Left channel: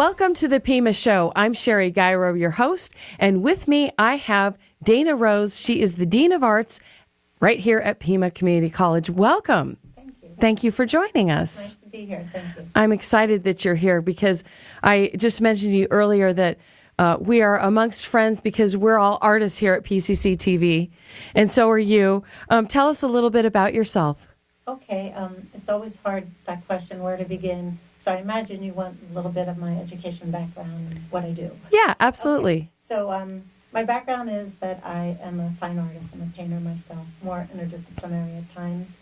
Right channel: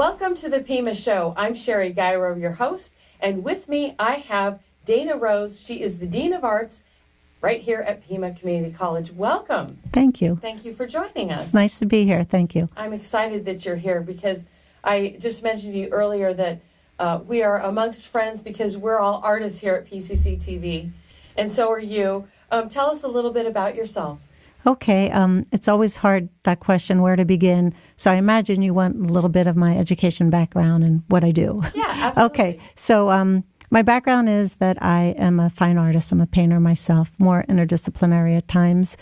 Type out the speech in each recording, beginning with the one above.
Welcome to the Pima Show. I'm Sherry Gyro, your host, and with me I have Dana Roes. She is the Dean of Arts right here at Pima Community College. Welcome. Thank you. Thank you for joining us. It's nice to be here. Thank you. I'm excited that you're here because I just mentioned to you earlier that we are amongst friends because we're all artists here at PCC TV, and so are you. Tell us a little bit about yourself. Okay. It's always hard, that question, where to begin. So I imagine you want a little bit of my education background and what I do. Yeah, absolutely. Okay. So my background is that I am a fine artist. I'm a painter myself, more interdisciplinary at times.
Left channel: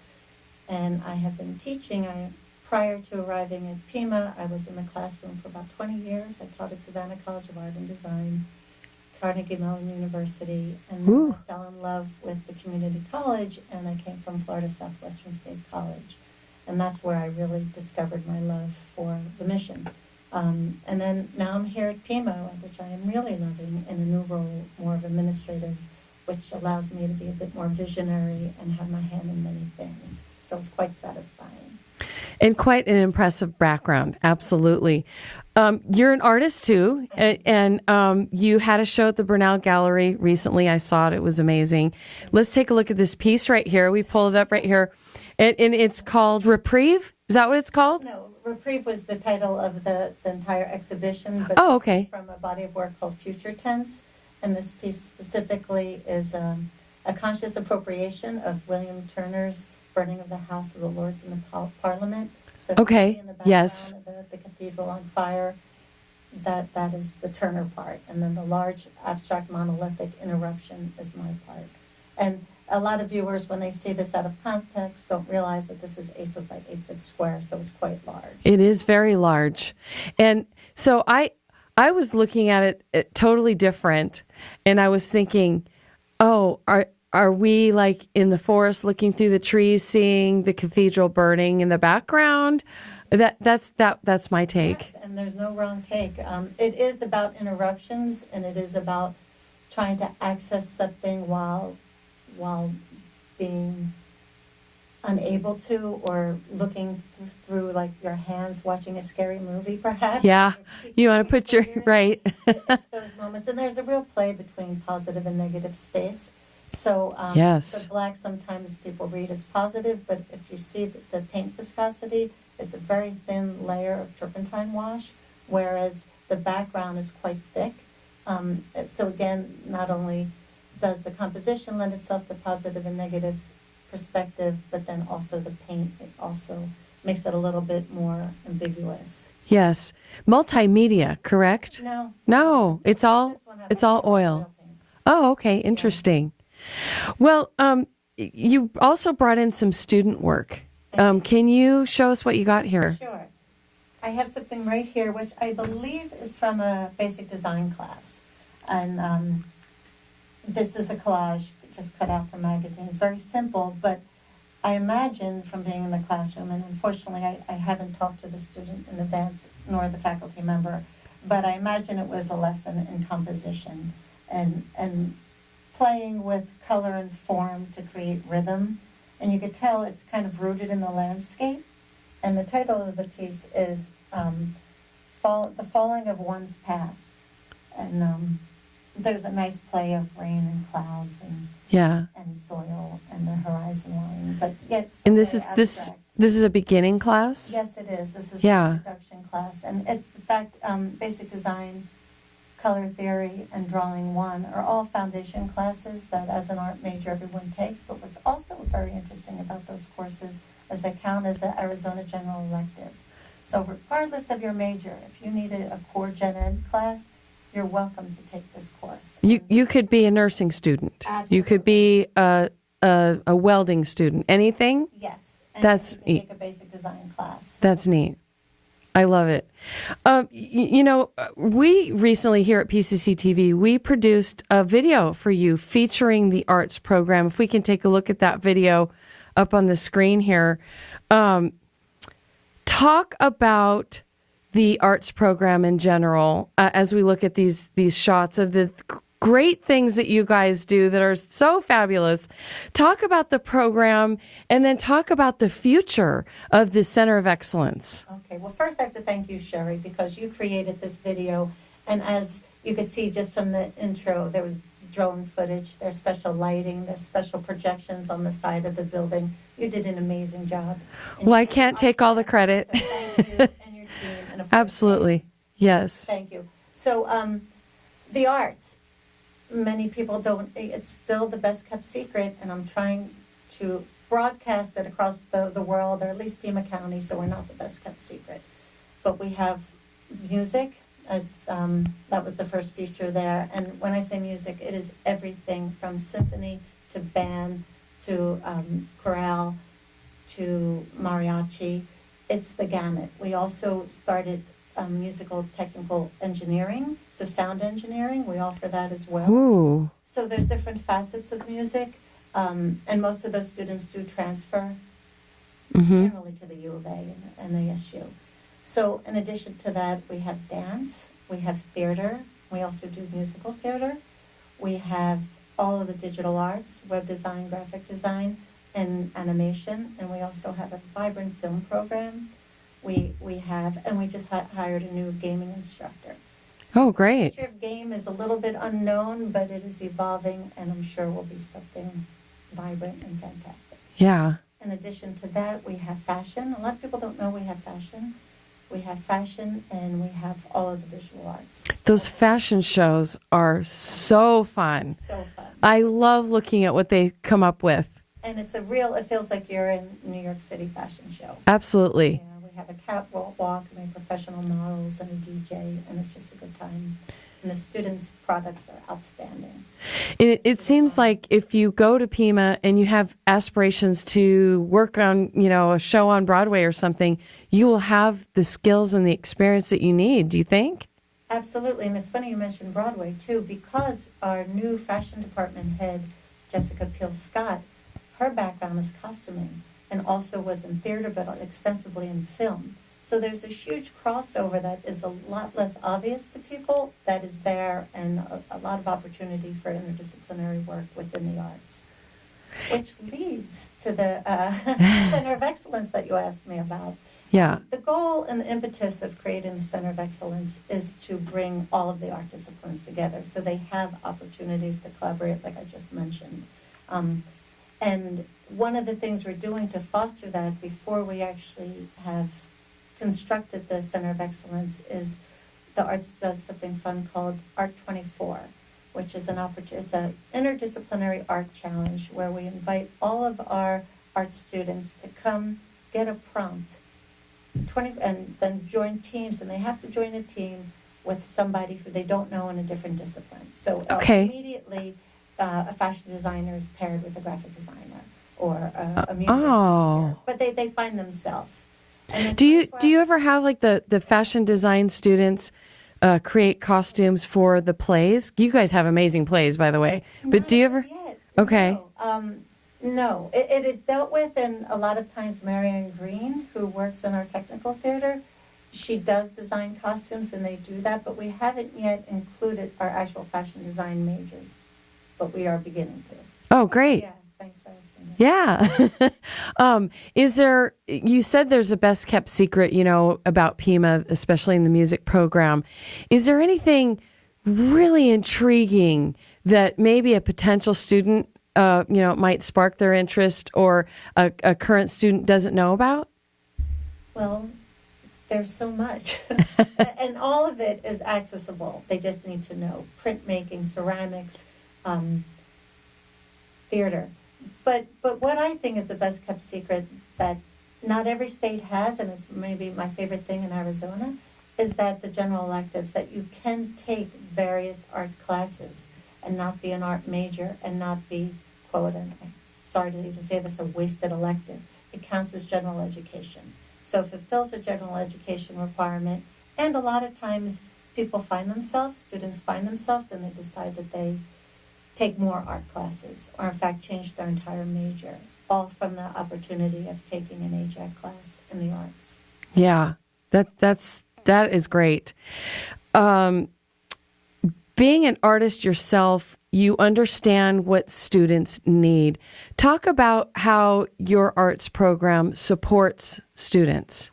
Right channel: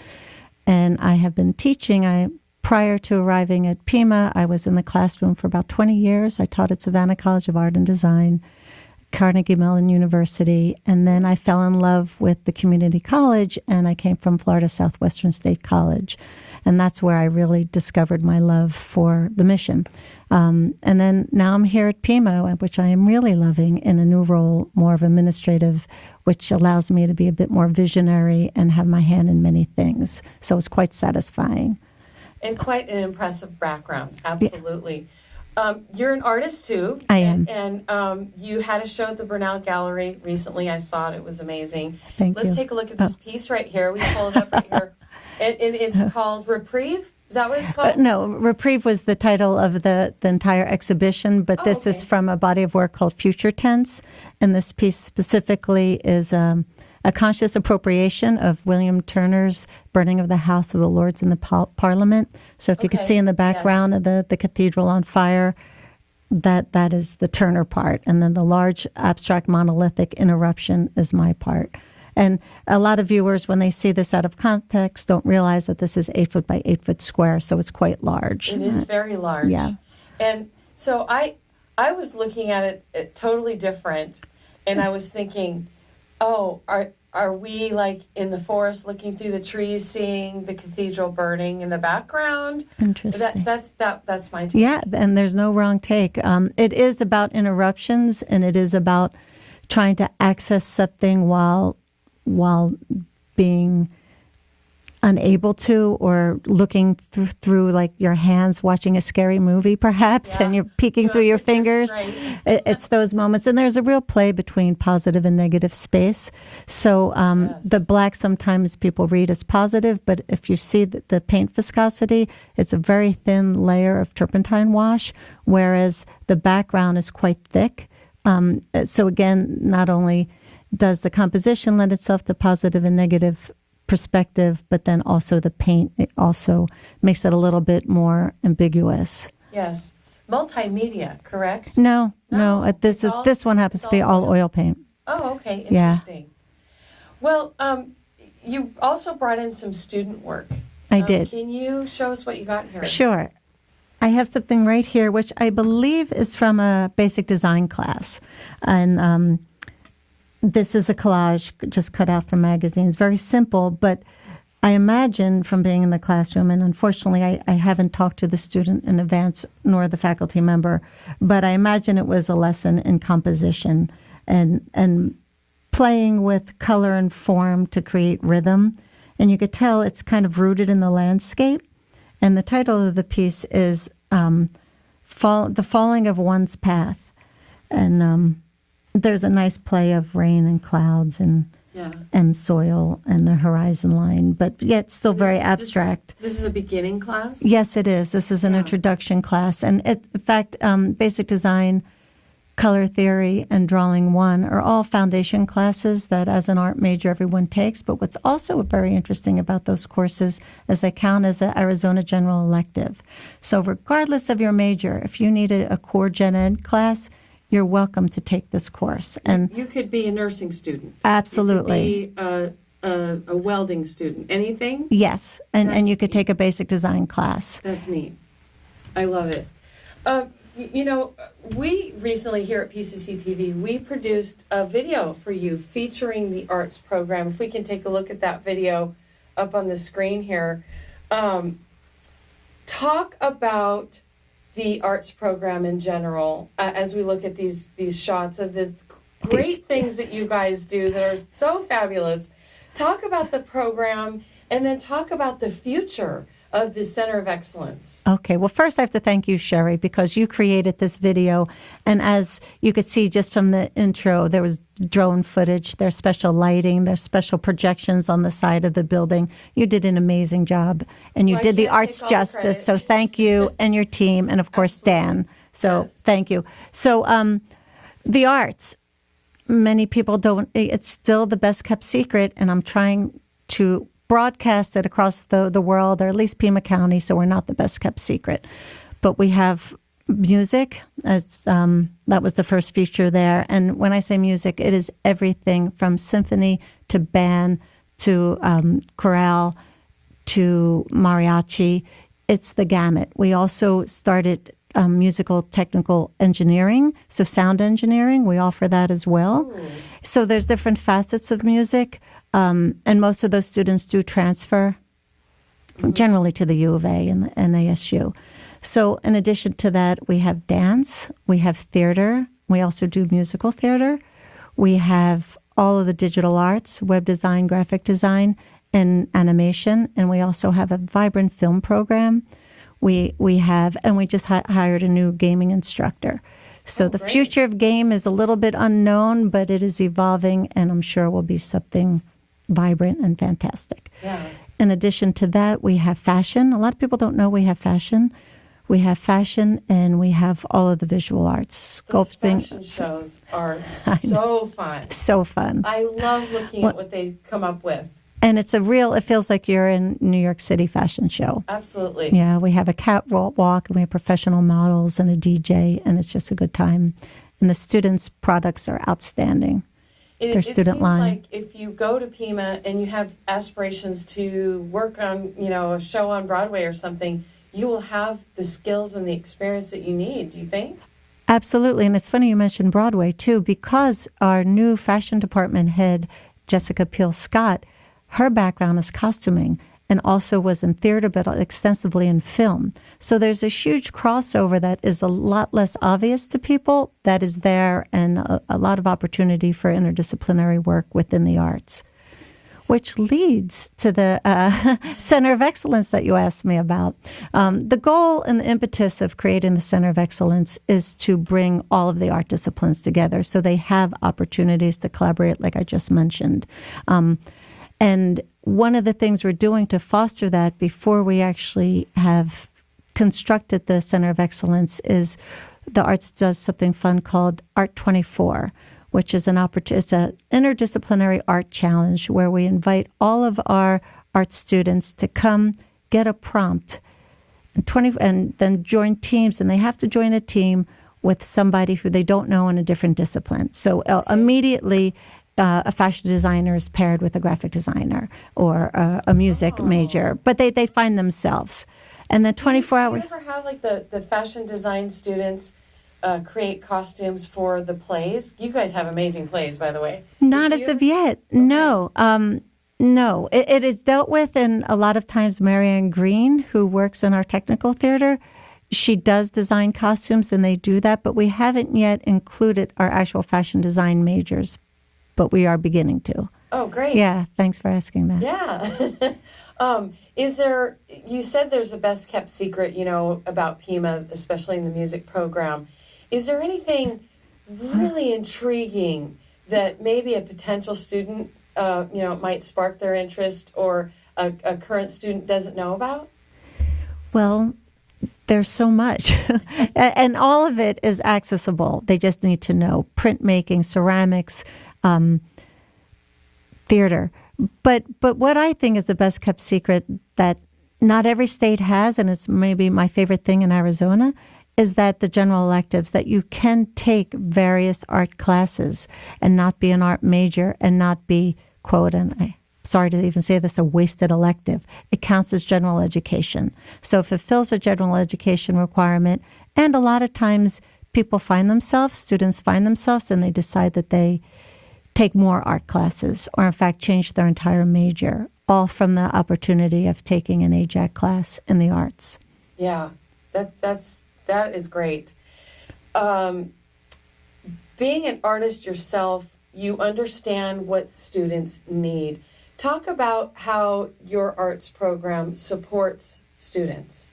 And I have been teaching. Prior to arriving at Pima, I was in the classroom for about 20 years. I taught at Savannah College of Art and Design, Carnegie Mellon University, and then I fell in love with the community college, and I came from Florida Southwestern State College. And that's where I really discovered my love for the mission. And then now I'm here at Pima, which I am really loving, in a new role, more of administrative, which allows me to be a bit more visionary and have my hand in many things. So it's quite satisfying. And quite an impressive background, absolutely. Yeah. You're an artist, too. I am. And you had a show at the Bernal Gallery recently. I saw it. It was amazing. Let's take a look at this piece right here. We pulled it up right here. And it's called Reprieve? Is that what it's called? No, Reprieve was the title of the entire exhibition, but this is from a body of work called Future Tense. And this piece specifically is a conscious appropriation of William Turner's Burning of the House of the Lords in the Parliament. So if you can see in the background of the cathedral on fire, that is the Turner part. And then the large abstract monolithic interruption is my part. And a lot of viewers, when they see this out of context, don't realize that this is 8 foot by 8 foot square, so it's quite large. It is very large. Yeah. And so I was looking at it totally different, and I was thinking, oh, are we like in the forest looking through the trees, seeing the cathedral burning in the background? Interesting. That's my take. Yeah, and there's no wrong take. It is about interruptions, and it is about trying to access something while being unable to, or looking through like your hands watching a scary movie perhaps, and you're peeking through your fingers. Right. It's those moments. And there's a real play between positive and negative space. So the black sometimes people read as positive, but if you see the paint viscosity, it's a very thin layer of turpentine wash, whereas the background is quite thick. So again, not only does the composition lend itself to positive and negative perspective, but then also the paint, it also makes it a little bit more ambiguous. Yes. Multimedia, correct? No. This one happens to be all oil paint. Oh, okay. Interesting. Yeah. Well, you also brought in some student work. I did. Can you show us what you got here? Sure. I have something right here, which I believe is from a basic design class. And this is a collage just cut out from magazines. Very simple, but I imagine from being in the classroom, and unfortunately I haven't talked to the student in advance nor the faculty member, but I imagine it was a lesson in composition and playing with color and form to create rhythm. And you could tell it's kind of rooted in the landscape. And the title of the piece is The Falling of One's Path. And there's a nice play of rain and clouds and soil and the horizon line, but yet still very abstract. This is a beginning class? Yes, it is. This is an introduction class. And in fact, basic design, color theory, and drawing 1 are all foundation classes that as an art major everyone takes. But what's also very interesting about those courses is they count as an Arizona General Elective. So regardless of your major, if you need a core gen ed class, you're welcome to take this course. And you could be a nursing student. Absolutely. You could be a welding student. Anything? Yes. And you could take a basic design class. That's neat. I love it. We recently here at PCC TV, we produced a video for you featuring the arts program. If we can take a look at that video up on the screen here. Talk about the arts program in general as we look at these shots of the great things that you guys do that are so fabulous. Talk about the program and then talk about the future of the Center of Excellence. Okay, well, first I have to thank you, Sherry, because you created this video. And as you could see just from the intro, there was drone footage, there's special lighting, there's special projections on the side of the building. You did an amazing job. And you Well, did I can't the arts take all the justice. credit. So thank you and your team, and of course, Absolutely. Stan. So Yes. thank you. So the arts, many people don't, it's still the best kept secret, and I'm trying to broadcast it across the world, or at least Pima County, so we're not the best kept secret. But we have music. That was the first feature there. And when I say music, it is everything from symphony to band to chorale to mariachi. It's the gamut. We also started musical technical engineering, so sound engineering. We offer that as well. Ooh. So there's different facets of music, and most of those students do transfer generally to the U of A and the NASU. So in addition to that, we have dance, we have theater, we also do musical theater, we have all of the digital arts, web design, graphic design, and animation, and we also have a vibrant film program. We have, and we just hired a new gaming instructor. So Oh, the great. future of game is a little bit unknown, but it is evolving, and I'm sure will be something vibrant and fantastic. Yeah. In addition to that, we have fashion. A lot of people don't know we have fashion. We have fashion, and we have all of the visual arts. Those Sculpting. fashion shows are so fun. So fun. I love looking at what they come up with. And it's it feels like you're in New York City fashion show. Absolutely. Yeah, we have a catwalk, and we have professional models and a DJ, and it's just a good time. And the students' products are outstanding. Their It student seems line. like if you go to Pima and you have aspirations to work on, a show on Broadway or something, you will have the skills and the experience that you need. Do you think? Absolutely. And it's funny you mentioned Broadway, too, because our new fashion department head, Jessica Peel-Scott, her background is costuming and also was in theater, but extensively in film. So there's a huge crossover that is a lot less obvious to people that is there, and a lot of opportunity for interdisciplinary work within the arts, which leads to the Center of Excellence that you asked me about. Yeah. The goal and the impetus of creating the Center of Excellence is to bring all of the art disciplines together so they have opportunities to collaborate, like I just mentioned. And one of the things we're doing to foster that before we actually have constructed the Center of Excellence is the arts does something fun called Art 24, which is it's an interdisciplinary art challenge where we invite all of our art students to come get a prompt and then join teams, and they have to join a team with somebody who they don't know in a different discipline. So Okay. immediately a fashion designer is paired with a graphic designer or a music Oh. major, but they find themselves. And then Do you 24 hours. ever have like the fashion design students create costumes for the plays? You guys have amazing plays, by the way. But Not do you as ever- of yet. Okay. No. No. It is dealt with, and a lot of times Marianne Green, who works in our technical theater, she does design costumes, and they do that, but we haven't yet included our actual fashion design majors, but we are beginning to. Oh, great. Yeah, thanks for asking that. Yeah. You said there's a best kept secret, about Pima, especially in the music program. Is there anything really intriguing that maybe a potential student, might spark their interest, or a current student doesn't know about? Well, there's so much, and all of it is accessible. They just need to know printmaking, ceramics, theater. But what I think is the best kept secret that not every state has, and it's maybe my favorite thing in Arizona, is that the general electives, that you can take various art classes and not be an art major and not be, quote, and I'm sorry to even say this, a wasted elective. It counts as general education. So it fulfills a general education requirement, and a lot of times students find themselves, and they decide that they take more art classes, or in fact change their entire major, all from the opportunity of taking an AJAC class in the arts. Yeah, that is great. being an artist yourself, you understand what students need. Talk about how your arts program supports students.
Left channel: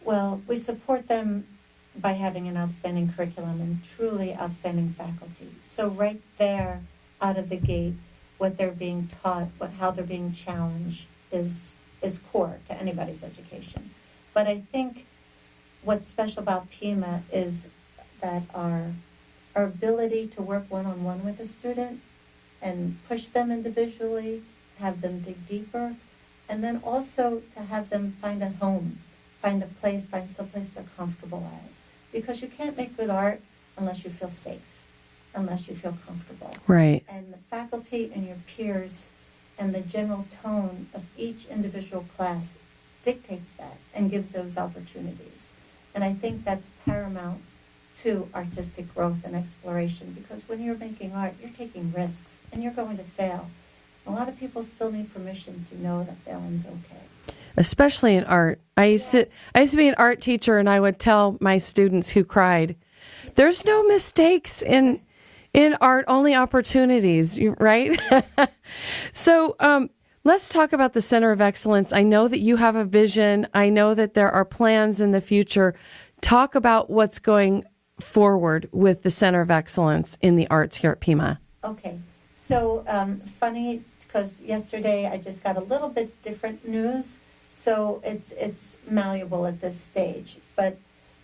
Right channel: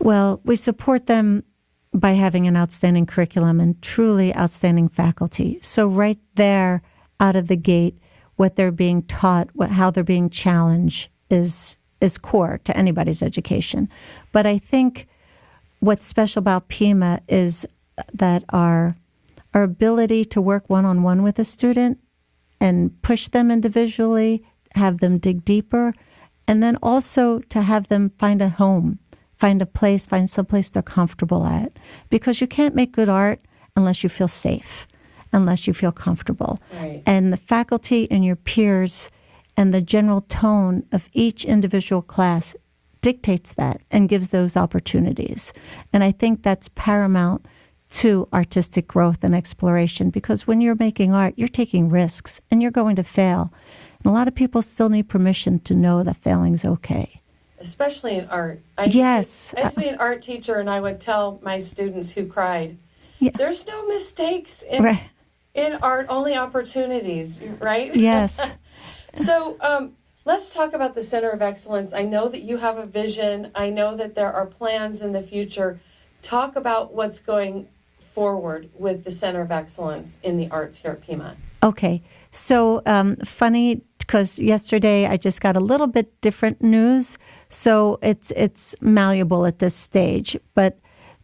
Well, we support them by having an outstanding curriculum and truly outstanding faculty. So right there, out of the gate, what they're being taught, how they're being challenged is core to anybody's education. But I think what's special about Pima is that our ability to work one-on-one with a student and push them individually, have them dig deeper, and then also to have them find a home, find a place, find someplace they're comfortable at. Because you can't make good art unless you feel safe, unless you feel comfortable. Right. And the faculty and your peers and the general tone of each individual class dictates that and gives those opportunities. And I think that's paramount to artistic growth and exploration, because when you're making art, you're taking risks and you're going to fail. And a lot of people still need permission to know that failing's okay. Especially in art. I used to be an art teacher, and I would tell my students who cried, there's no mistakes in art, only opportunities, right? Yes. So let's talk about the Center of Excellence. I know that you have a vision. I know that there are plans in the future. Talk about what's going forward with the Center of Excellence in the arts here at Pima. Okay. So funny, because yesterday I just got a little bit different news. So it's malleable at this stage. But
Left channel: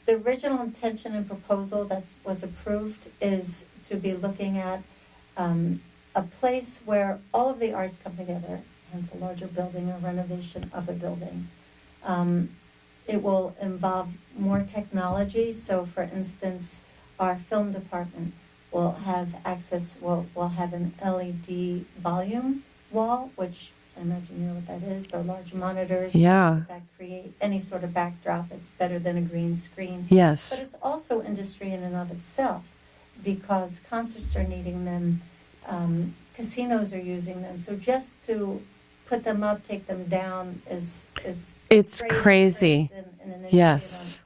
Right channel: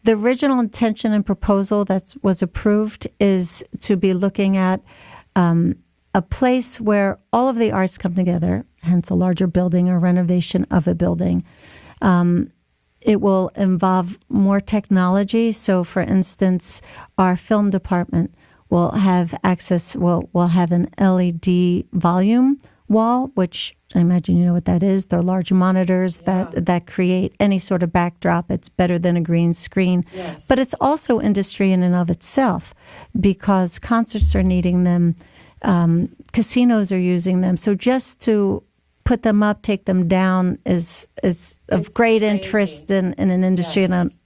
the original intention and proposal that was approved is to be looking at a place where all of the arts come together, hence a larger building or renovation of a building. It will involve more technology. So, for instance, our film department will have access, will have an LED volume wall, which I imagine you know what that is. They're large monitors that create any sort of backdrop. It's better than a green screen. Yes. But it's also industry in and of itself, because concerts are needing them, casinos are using them. So just to put them up, take them down is of great interest in an industry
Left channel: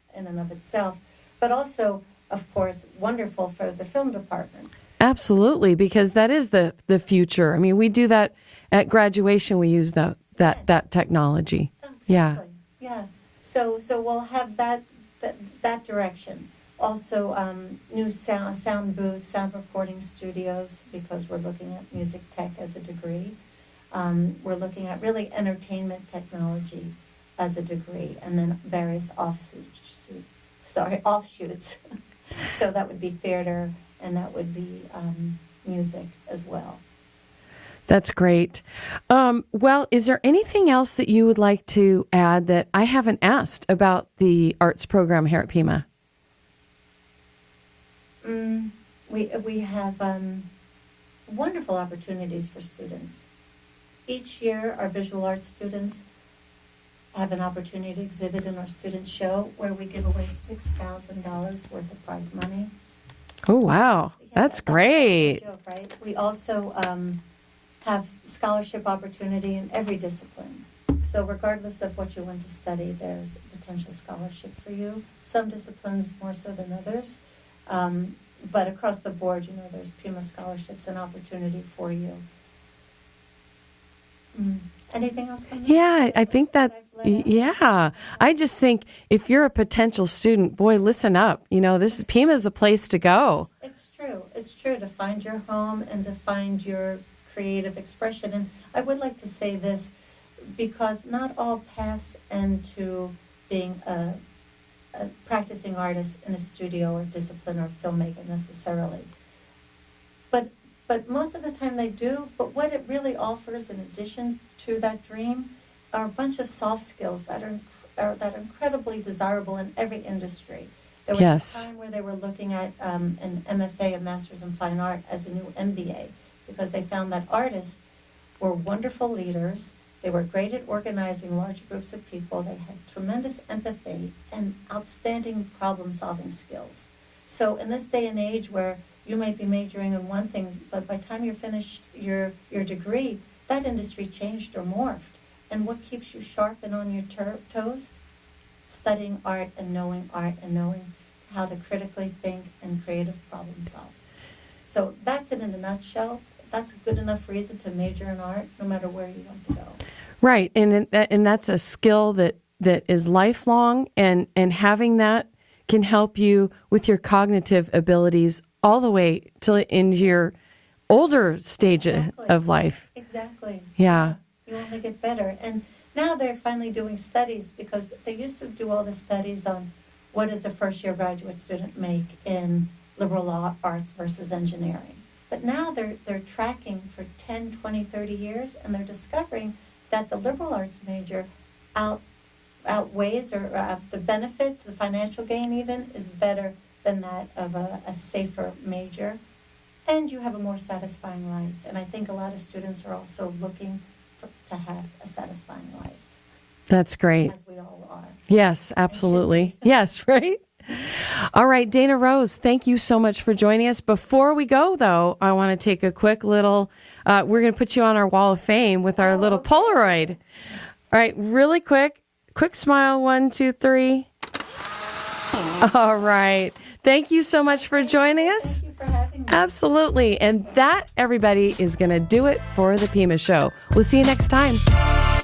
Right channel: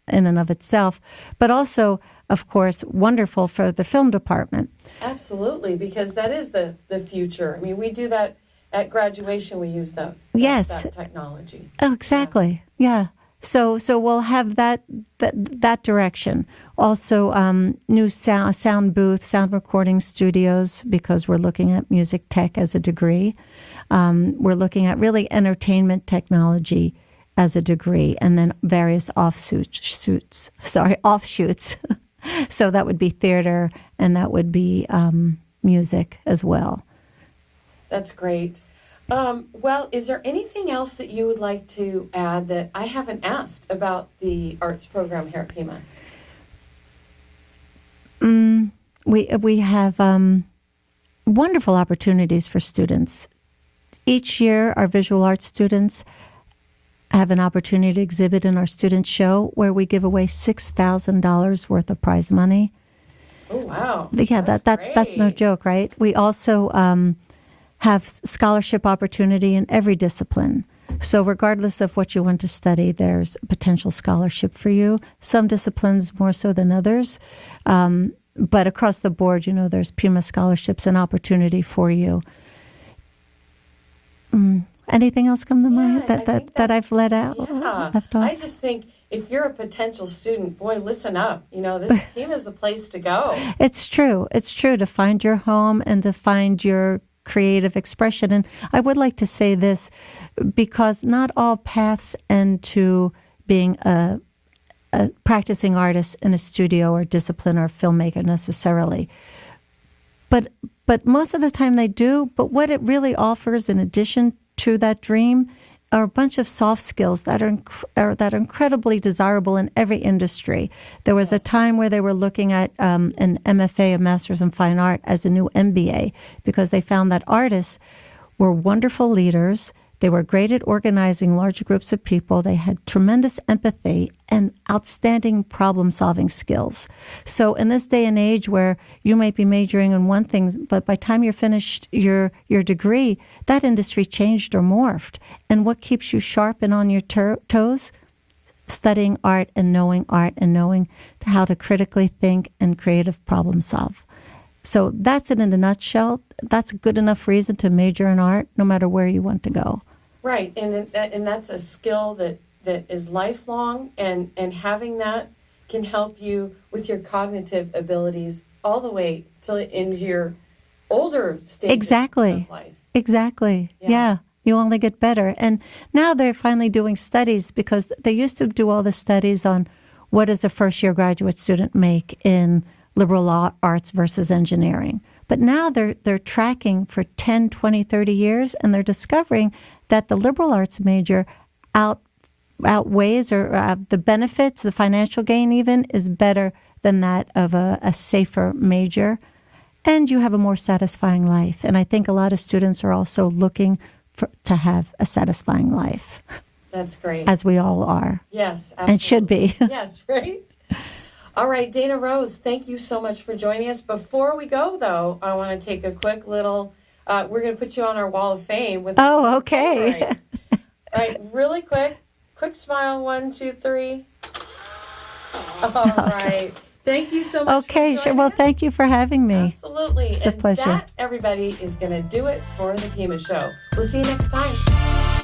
in and of itself. But also, of course, wonderful for the film department. Absolutely, because that is the future. I mean, we do that at graduation. We use that technology. Oh, exactly. Yeah. So we'll have that direction. Also, new sound booth, sound recording studios, because we're looking at music tech as a degree. We're looking at really entertainment technology as a degree, and then various offshoots. So that would be theater, and that would be music as well. That's great. Well, is there anything else that you would like to add that I haven't asked about the arts program here at Pima? We have wonderful opportunities for students. Each year, our visual arts students have an opportunity to exhibit in our student show, where we give away $6,000 worth of prize money. Oh, wow. Yeah, that's great. That's no joke, right? We also have scholarship opportunity in every discipline. So regardless of what you want to study, there's a potential scholarship for you. Some disciplines more so than others. But across the board, there's Pima scholarships and opportunity for you. Anything else come to mind I think that I've let out? Yeah. I just think if you're a potential student, boy, listen up. This Pima is a place to go. It's true. It's true, to find your home and to find your creative expression. And I would like to say this, because not all paths end to being a practicing artist in a studio or discipline or filmmaker necessarily. But most of the time they do. But what it really offers in addition to that dream are a bunch of soft skills that are incredibly desirable in every industry. There was a time where they were looking at an MFA, a Master's in Fine Art, as a new MBA, because they found that artists were wonderful leaders. They were great at organizing large groups of people. They had tremendous empathy and outstanding problem-solving skills. So in this day and age where you might be majoring in one thing, but by the time you're finished your degree, that industry changed or morphed. And what keeps you sharp and on your toes? Studying art and knowing how to critically think and creative problem solve. So that's it in a nutshell. That's a good enough reason to major in art, no matter where you want to go. Right, and that's a skill that is lifelong, and having that can help you with your cognitive abilities all the way till into your older stages of life. Exactly. Yeah. You only get better. And now they're finally doing studies, because they used to do all the studies on what does a first-year graduate student make in liberal arts versus engineering. But now they're tracking for 10, 20, 30 years, and they're discovering that the liberal arts major outweighs or the benefits, the financial gain even, is better than that of a safer major. And you have a more satisfying life. And I think a lot of students are also looking to have a satisfying life. That's great. As we all are. Yes, absolutely. And should be. Yes, right? All right, Dana Roes, thank you so much for joining us. Before we go, though, I want to take a quick little, we're going to put you on our wall of fame with our little Polaroid. All right, really quick smile, 1, 2, 3. All right. Thank you so much for joining us. Thank you for having me. Absolutely. It's a pleasure. That, everybody, is going to do it for the Pima Show. We'll see you next time.